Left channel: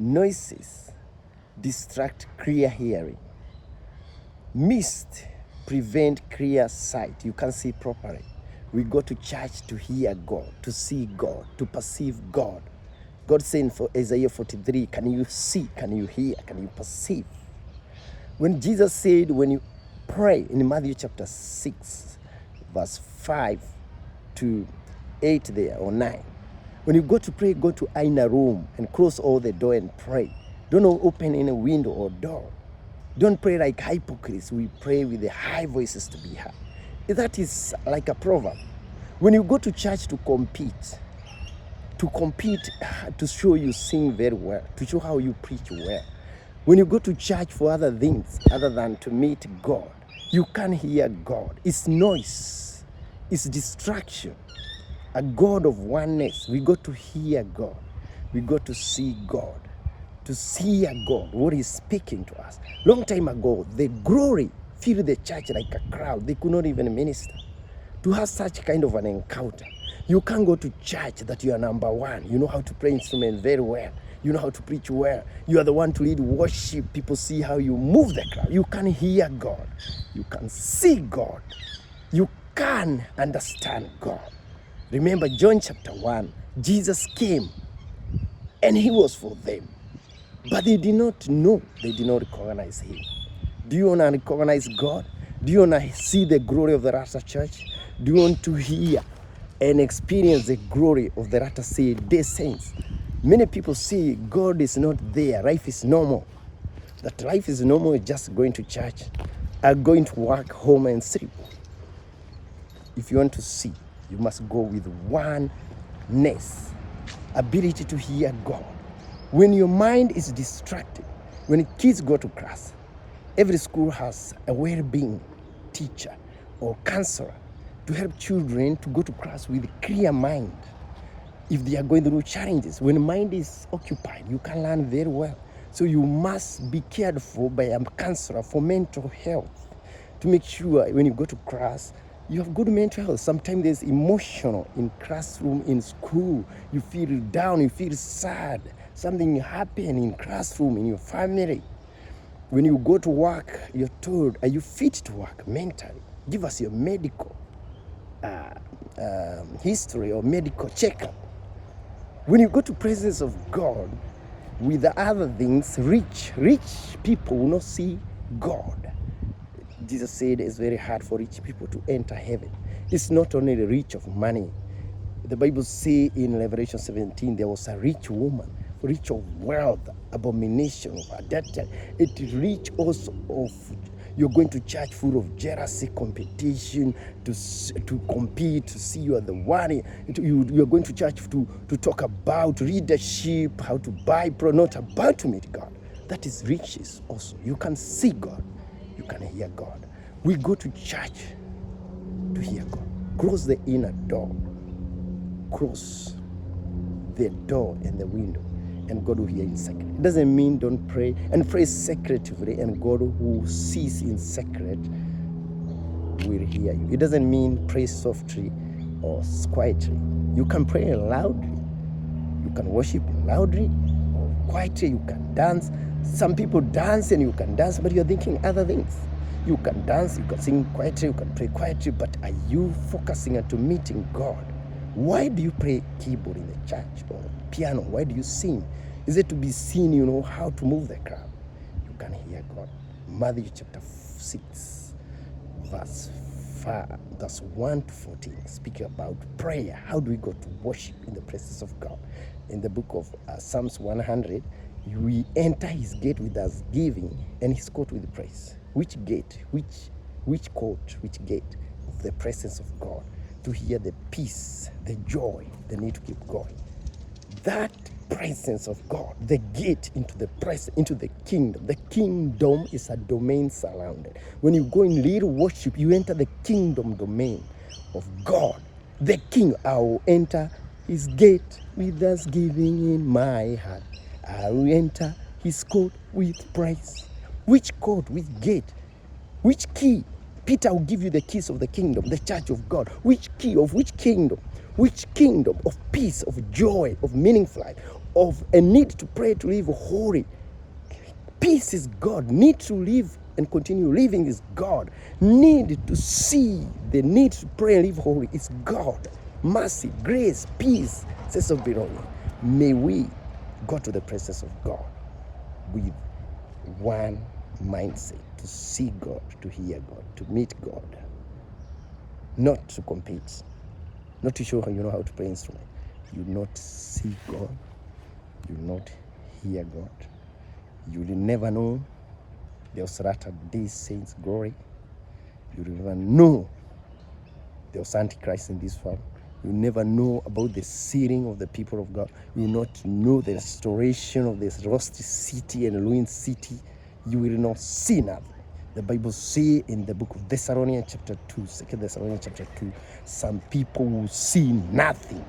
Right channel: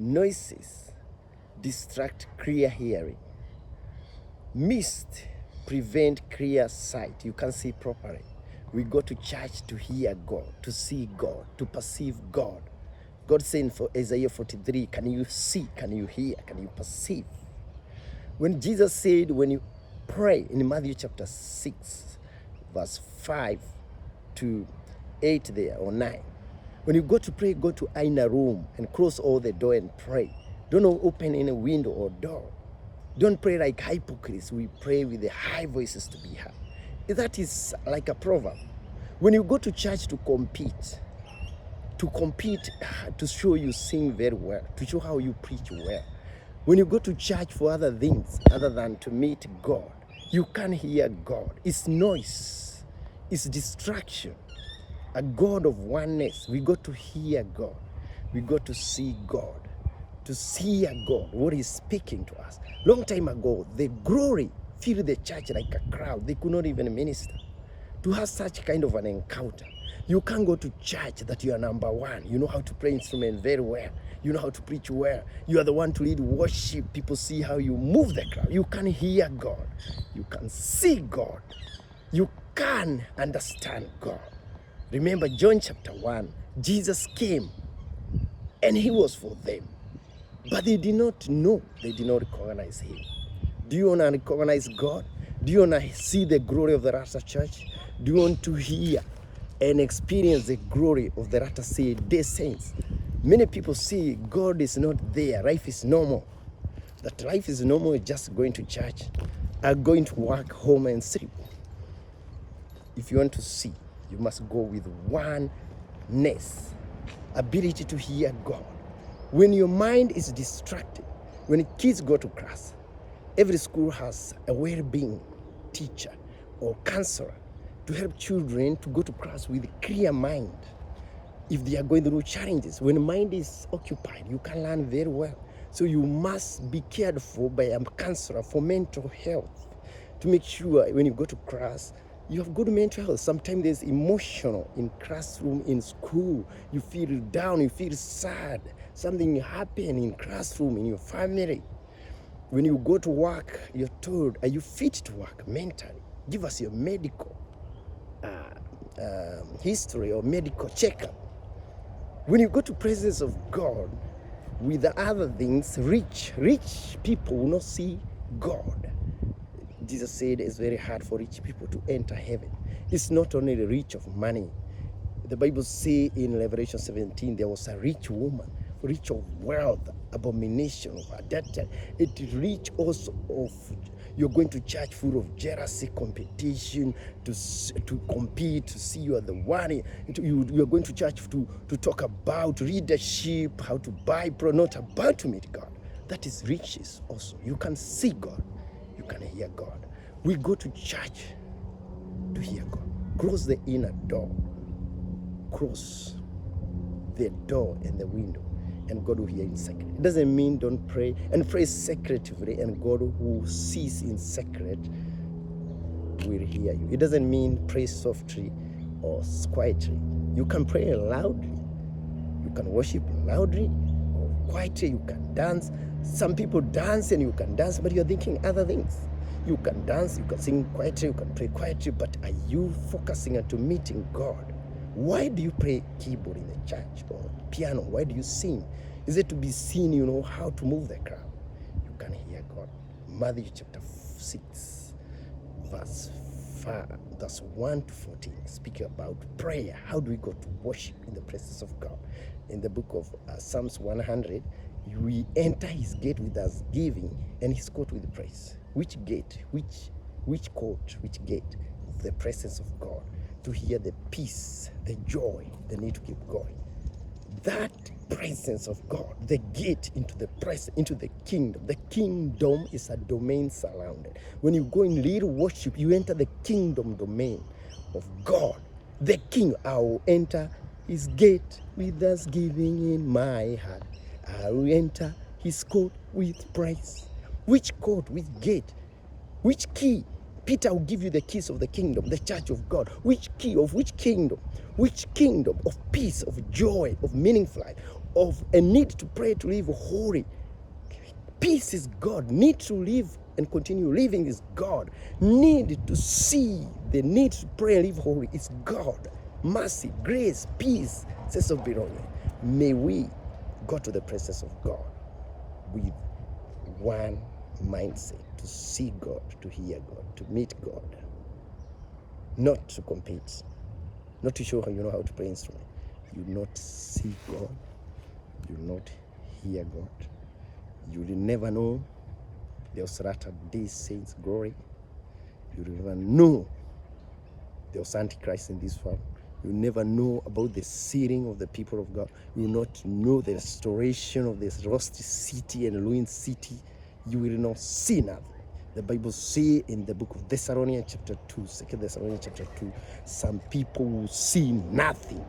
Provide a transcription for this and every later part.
Noises distract clear hearing. Mist prevent clear sight. You can't see properly. We go to church to hear God, to see God, to perceive God. God saying for Isaiah 43, can you see, can you hear, can you perceive? When Jesus said, when you pray in Matthew chapter 6, verse 5 to 8 there, or 9. When you go to pray, go to inner room and close all the door and pray. Don't open any window or door. Don't pray like hypocrites. We pray with the high voices to be heard. That is like a proverb. When you go to church to compete, to show you sing very well, to show how you preach well. When you go to church for other things other than to meet God, you can't hear God. It's noise. It's distraction. A God of oneness. We go to hear God. We go to see God. To see a God, what He's speaking to us. Long time ago, the glory filled the church like a crowd. They could not even minister. To have such kind of an encounter, you can't go to church that you are number one. You know how to play instruments very well. You know how to preach well. You are the one to lead worship. People see how you move the crowd. You can hear God. You can see God. You can understand God. Remember John chapter 1, Jesus came and He was for them. But they did not know, they did not recognize Him. Do you want to recognize God? Do you want to see the glory of the Latter Church? Do you want to hear and experience the glory of the Latter Day Saints? Many people say God is not there, life is normal. That life is normal is just going to church, going to work, home and sleep. If you want to see, you must go with oneness, ability to hear God. When your mind is distracted, when kids go to class, every school has a well-being teacher or counselor to help children to go to class with a clear mind. If they are going through challenges, when mind is occupied, you can learn very well. So you must be cared for by a counselor for mental health to make sure when you go to class, you have good mental health. Sometimes there's emotional in classroom, in school. You feel down, you feel sad. Something happened in classroom, in your family. When you go to work, you're told, are you fit to work mentally? Give us your medical history or medical checkup. When you go to presence of God, with the other things, rich people will not see God. Jesus said it's very hard for rich people to enter heaven. It's not only the rich of money. The Bible says in Revelation 17, there was a rich woman, rich of wealth, abomination of adultery. It is rich also of, you're going to church full of jealousy, competition, to compete, to see you are the one. You're going to church to talk about leadership, how to buy, not about to meet God. That is riches also. You can see God. You can hear God. We go to church to hear God. Close the inner door. Close the door and the window, and God will hear in secret. It doesn't mean don't pray, and pray secretively, and God who sees in secret will hear you. It doesn't mean pray softly or quietly. You can pray loudly. You can worship loudly or quietly. You can dance. Some people dance and you can dance, but you're thinking other things. You can dance, you can sing quietly, you can pray quietly, but are you focusing on to meeting God? Why do you play keyboard in the church or piano? Why do you sing? Is it to be seen, you know, how to move the crowd? You can hear God. Matthew chapter 6, verse 1 to 14, speaking about prayer. How do we go to worship in the presence of God? In the book of Psalms 100, we enter His gate with thanksgiving and His court with praise. Which gate? Which court? Which gate? Of the presence of God. To hear the peace, the joy, the need to keep going. That presence of God, the gate into the presence, into the kingdom. The kingdom is a domain surrounded. When you go in little worship, you enter the kingdom domain of God. The King, I will enter His gate with thanksgiving in my heart. I will enter His court with praise. Which court? Which gate? Which key? Peter will give you the keys of the kingdom, the church of God. Which key of which kingdom? Which kingdom of peace, of joy, of meaningful life, of a need to pray to live holy. Peace is God. Need to live and continue living is God. Need to see the need to pray and live holy is God. Mercy, grace, peace, sense of belonging. May we go to the presence of God with one mindset, to see God, to hear God, to meet God, not to compete, not to show how you know how to play instrument. You not see God, you not hear God. You will never know the Osirata these saints' glory. You will never know the Antichrist in this world. You never know about the sealing of the people of God. You will not know the restoration of this lost city and ruined city. You will not see nothing. The Bible says in the book of Thessalonians chapter 2, 2 Thessalonians chapter 2, some people will see nothing.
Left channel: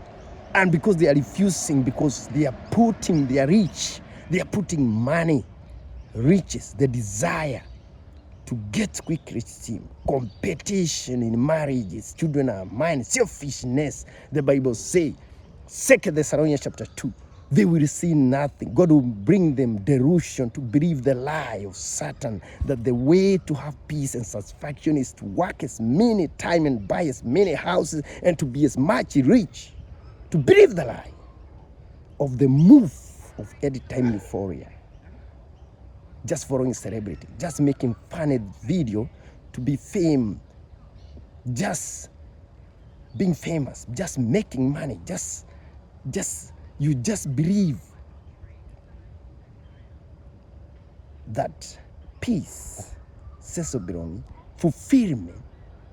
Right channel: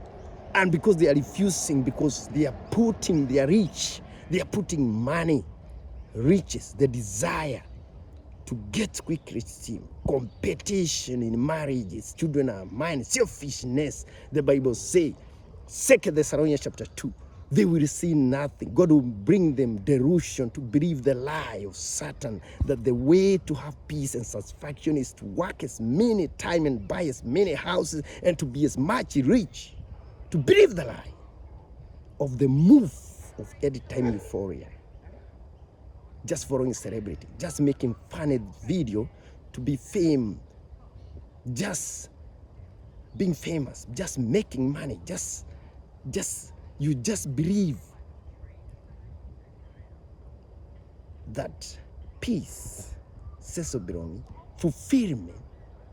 And because they are refusing, because they are putting their rich, they are putting money, riches, the desire to get quick rich scheme, competition in marriages, children are mine, selfishness. The Bible says, 2 Thessalonians chapter 2, they will see nothing. God will bring them delusion to believe the lie of Satan, that the way to have peace and satisfaction is to work as many time and buy as many houses and to be as much rich. To believe the lie of the move of any time euphoria. Just following celebrity, just making funny video to be fame, just being famous, just making money, you just believe that peace, sense of belonging, fulfillment.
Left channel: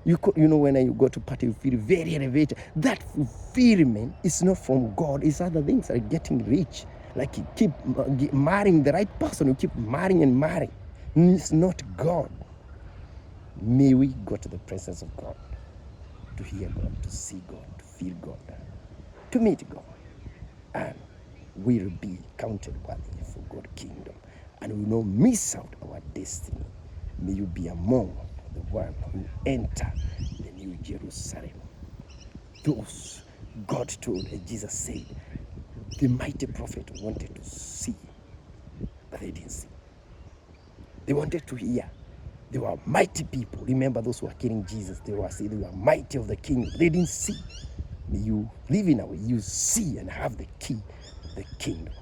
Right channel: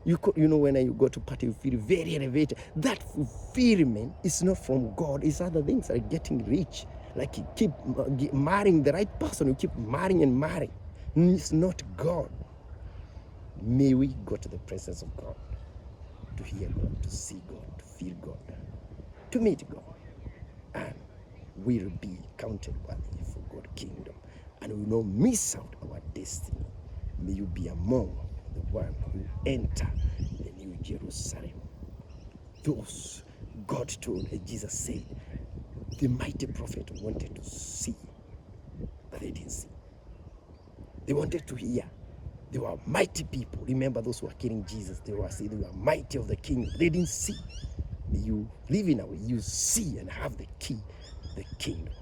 You know, when you go to party, you feel very elevated. That fulfillment is not from God. It's other things like getting rich. Like you keep marrying the right person. You keep marrying and marrying. It's not God. May we go to the presence of God, to hear God, to see God, to feel God, to meet God. And we'll be counted worthy for God's kingdom. And we will not miss out our destiny. May you be among the one who enter the new Jerusalem. Those God told, as Jesus said, the mighty prophet wanted to see, but they didn't see. They wanted to hear. They were mighty people. Remember those who were killing Jesus. They were mighty of the kingdom. They didn't see. May you live in a way you see and have the key of the kingdom.